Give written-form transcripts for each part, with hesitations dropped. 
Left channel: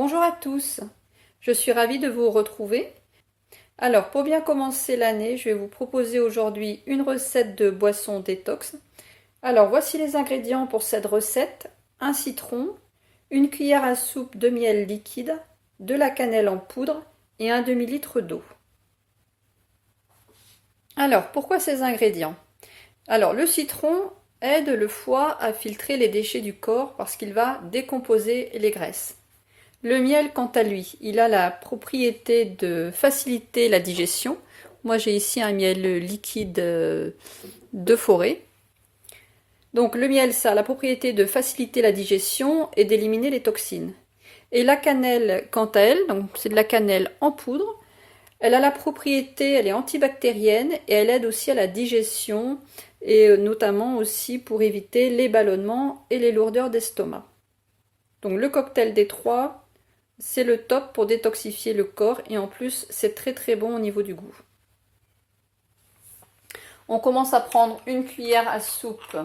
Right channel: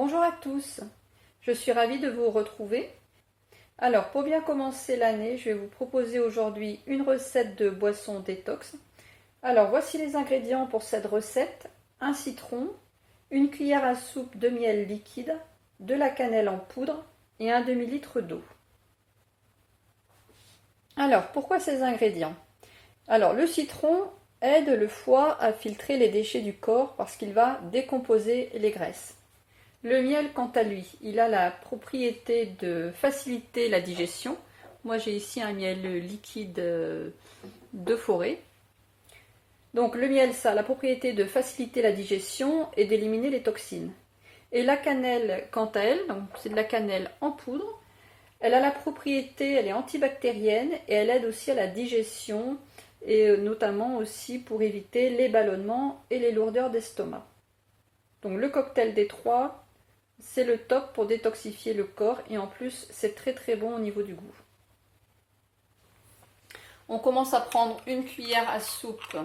Bonjour à tous, je suis ravie de vous retrouver. Alors pour bien commencer l'année, je vais vous proposer aujourd'hui une recette de boisson détox. Alors voici les ingrédients pour cette recette: un citron, une cuillère à soupe de miel liquide, de la cannelle en poudre et un demi-litre d'eau. Alors pourquoi ces ingrédients? Alors le citron aide le foie à filtrer les déchets du corps parce qu'il va décomposer les graisses. Le miel, quant à lui, il a la propriété de faciliter la digestion. Moi, j'ai ici un miel liquide de forêt. Donc, le miel, ça a la propriété de faciliter la digestion et d'éliminer les toxines. Et la cannelle, quant à elle, donc c'est de la cannelle en poudre, elle a la propriété, elle est antibactérienne et elle aide aussi à la digestion et notamment aussi pour éviter les ballonnements et les lourdeurs d'estomac. Donc, le cocktail des trois, c'est le top pour détoxifier le corps et en plus c'est très très bon au niveau du goût. On commence à prendre une cuillère à soupe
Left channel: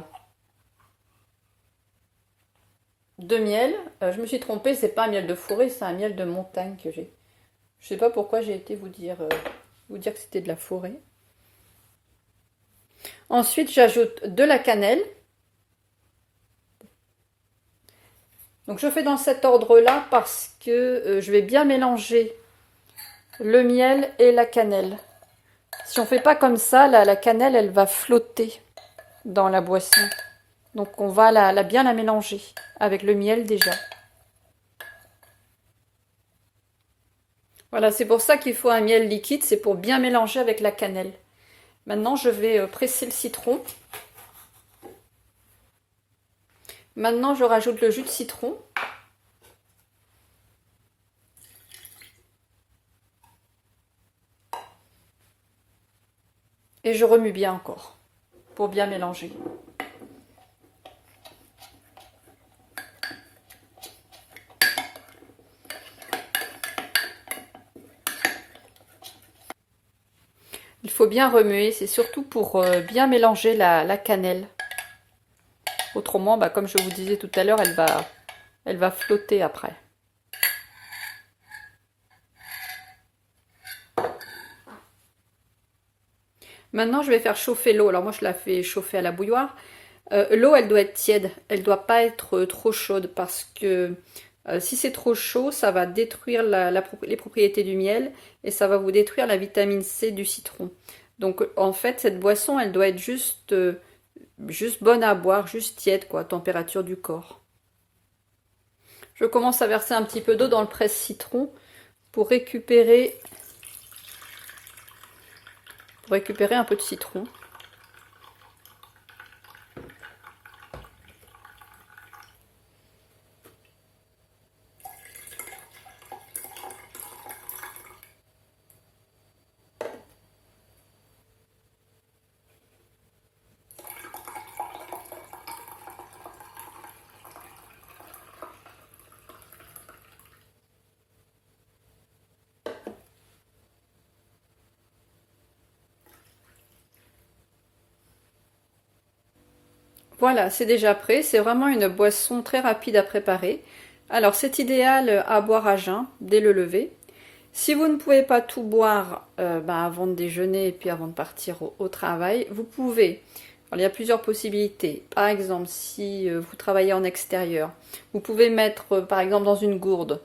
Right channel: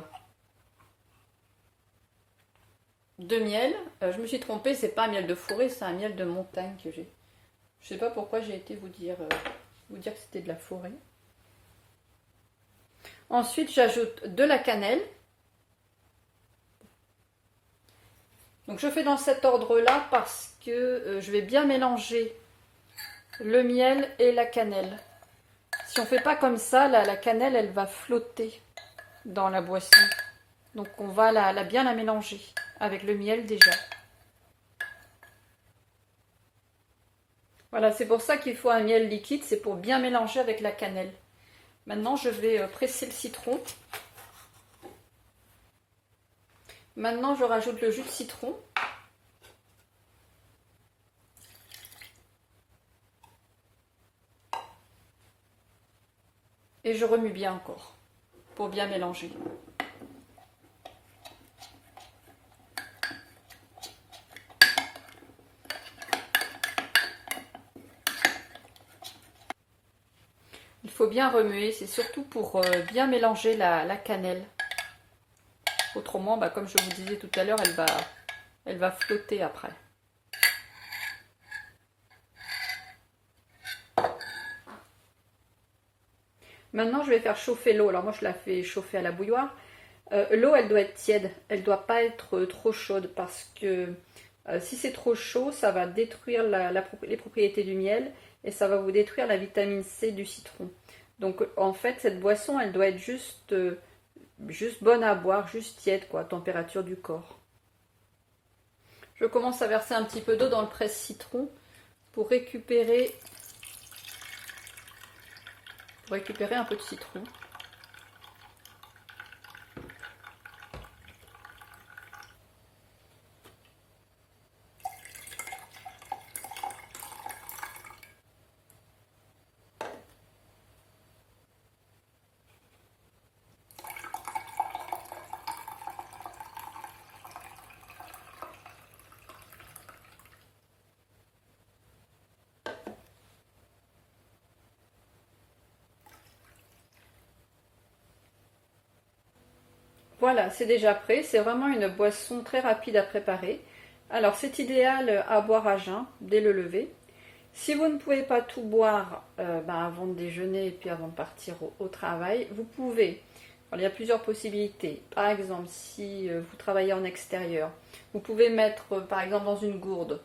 de miel. Je me suis trompée, c'est pas un miel de forêt, c'est un miel de montagne que j'ai. Je sais pas pourquoi j'ai été vous dire que c'était de la forêt. Ensuite j'ajoute de la cannelle. Donc je fais dans cet ordre-là parce que je vais bien mélanger le miel et la cannelle. Si on ne fait pas comme ça, la cannelle, elle va flotter dans la boisson. Donc on va bien la mélanger avec le miel déjà. Voilà, c'est pour ça qu'il faut un miel liquide, c'est pour bien mélanger avec la cannelle. Maintenant, je vais presser le citron. Maintenant, je rajoute le jus de citron. Et je remue bien encore pour bien mélanger. Il faut bien remuer, c'est surtout pour bien mélanger la cannelle. Autrement, comme je vous disais tout à l'heure, elle va flotter après. Maintenant, je vais faire chauffer l'eau. Alors moi, je la fais chauffer à la bouilloire. L'eau, elle doit être tiède. Elle ne doit pas être trop chaude parce que si c'est trop chaud, ça va détruire les propriétés du miel et ça va vous détruire la vitamine C du citron. Donc en fait, cette boisson, elle doit être juste bonne à boire, juste tiède, quoi, température du corps. Je commence à verser un petit peu d'eau dans le presse-citron pour récupérer un peu de citron. Voilà, c'est déjà prêt. C'est vraiment une boisson très rapide à préparer. Alors, c'est idéal à boire à jeun, dès le lever. Si vous ne pouvez pas tout boire avant de déjeuner et puis avant de partir au travail, vous pouvez. Alors, il y a plusieurs possibilités. Par exemple, si vous travaillez en extérieur, vous pouvez mettre par exemple dans une gourde.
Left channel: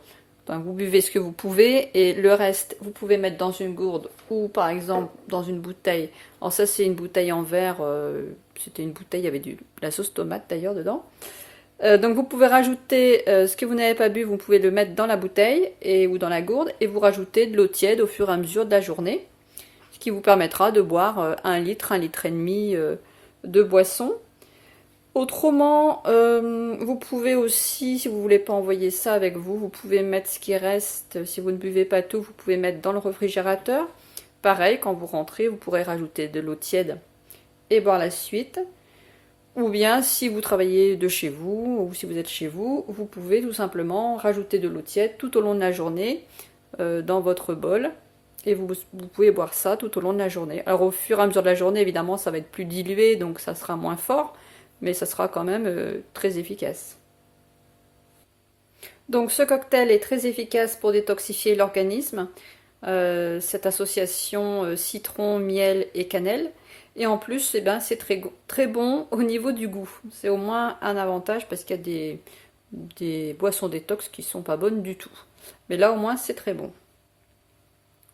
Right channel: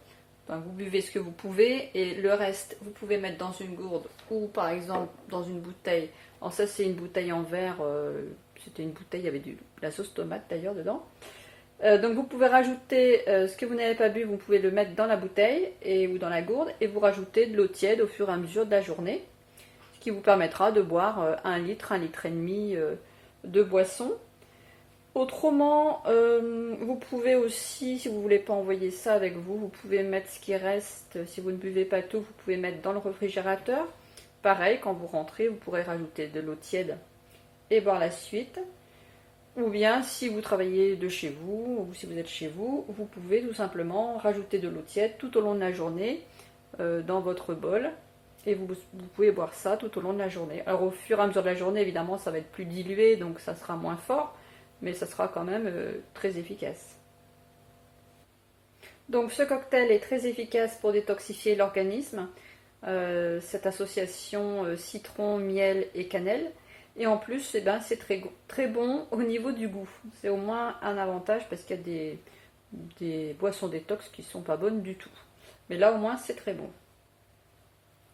Enfin, vous buvez ce que vous pouvez et le reste, vous pouvez mettre dans une gourde ou par exemple dans une bouteille. Alors ça, c'est une bouteille en verre. C'était une bouteille, il y avait de la sauce tomate d'ailleurs dedans. Donc vous pouvez rajouter ce que vous n'avez pas bu, vous pouvez le mettre dans la bouteille ou dans la gourde et vous rajoutez de l'eau tiède au fur et à mesure de la journée, ce qui vous permettra de boire 1 litre, 1 litre et demi de boisson. Autrement, vous pouvez aussi, si vous ne voulez pas envoyer ça avec vous, vous pouvez mettre ce qui reste, si vous ne buvez pas tout, vous pouvez mettre dans le réfrigérateur. Pareil, quand vous rentrez, vous pourrez rajouter de l'eau tiède et boire la suite. Ou bien, si vous travaillez de chez vous, ou si vous êtes chez vous, vous pouvez tout simplement rajouter de l'eau tiède tout au long de la journée dans votre bol. Et vous pouvez boire ça tout au long de la journée. Alors au fur et à mesure de la journée, évidemment, ça va être plus dilué, donc ça sera moins fort, mais ça sera quand même très efficace. Donc ce cocktail est très efficace pour détoxifier l'organisme, cette association citron, miel et cannelle. Et en plus, eh ben, c'est très bon au niveau du goût. C'est au moins un avantage parce qu'il y a des boissons détox qui sont pas bonnes du tout. Mais là au moins c'est très bon.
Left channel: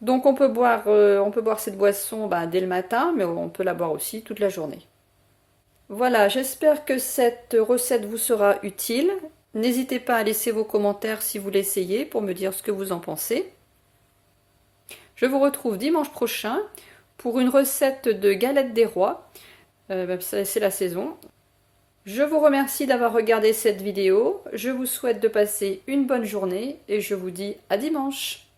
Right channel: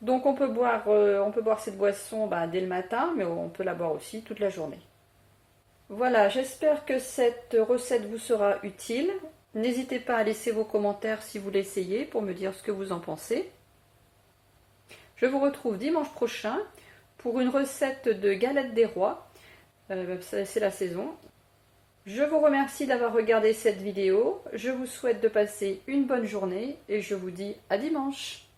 Donc on peut boire cette boisson dès le matin, mais on peut la boire aussi toute la journée. Voilà, j'espère que cette recette vous sera utile. N'hésitez pas à laisser vos commentaires si vous l'essayez pour me dire ce que vous en pensez. Je vous retrouve dimanche prochain pour une recette de galettes des rois. C'est la saison. Je vous remercie d'avoir regardé cette vidéo. Je vous souhaite de passer une bonne journée et je vous dis à dimanche.